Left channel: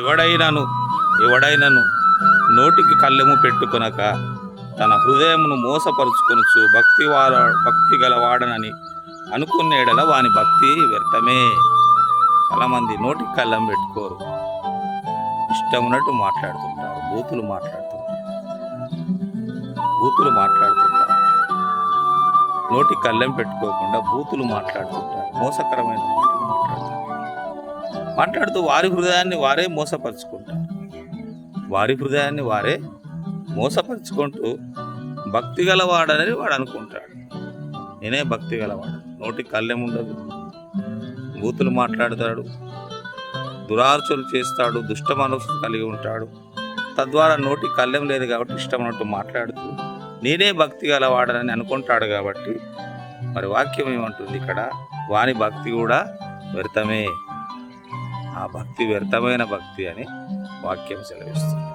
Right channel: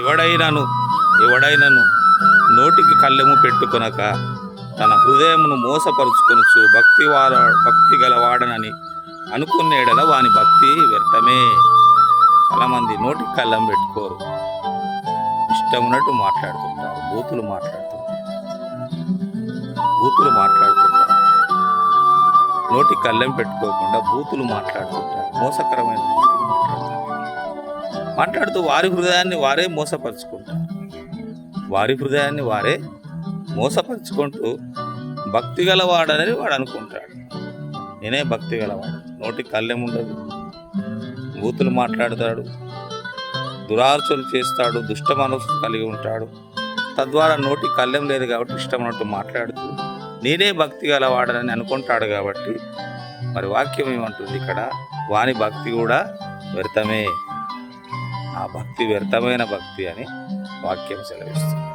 ఎవడైనను ఎవడైనను నోటికి కళ్ళెము పెట్టుకొనక తన హృదయమును మోసపరుచుకొనుచు భక్తి గలవాడనని అనుకున్న ఎడల వాని భక్తి వ్యర్థమే. చాలామంది నోటికి కళ్ళెం పెట్టుకోరు, ఇష్టం ఉన్నట్టు మాట్లాడుతుంటారు, బూతులు మాట్లాడుతుంటారు. నోటికి కళ్ళెం పెట్టుకోకుండా బూతులు మాట్లాడుతుంటారు, మోసకరమైన మాటలు మాట్లాడుతూ వారి హృదయాన్ని వారే మోసపరుచుకుంటూ భక్తి గలవాడని వాడు అనుకుంటాడు. నేనే భక్తి గలవాడు, నోటికి కళ్ళెం ఉండదు, బూతులు మాట్లాడతాడు, దురార్చనలు చేస్తాడు, దుష్ట మనసు కలిగి ఉంటాడు. తద్వారా నోటికి కళ్ళెం లేదు కాబట్టి ఇష్టమైనట్టు మాట్లాడుతూ నేనే భక్తి గలవాడని అనుకుంటాడు. కాబట్టి మరి వాక్యం ఏమంటుంది ఇక్కడ? వాని భక్తి కూడా వ్యర్థమే. ఆ భక్తి వ్యర్థమైన భక్తి అని వాక్యం సెలవిస్తుంది.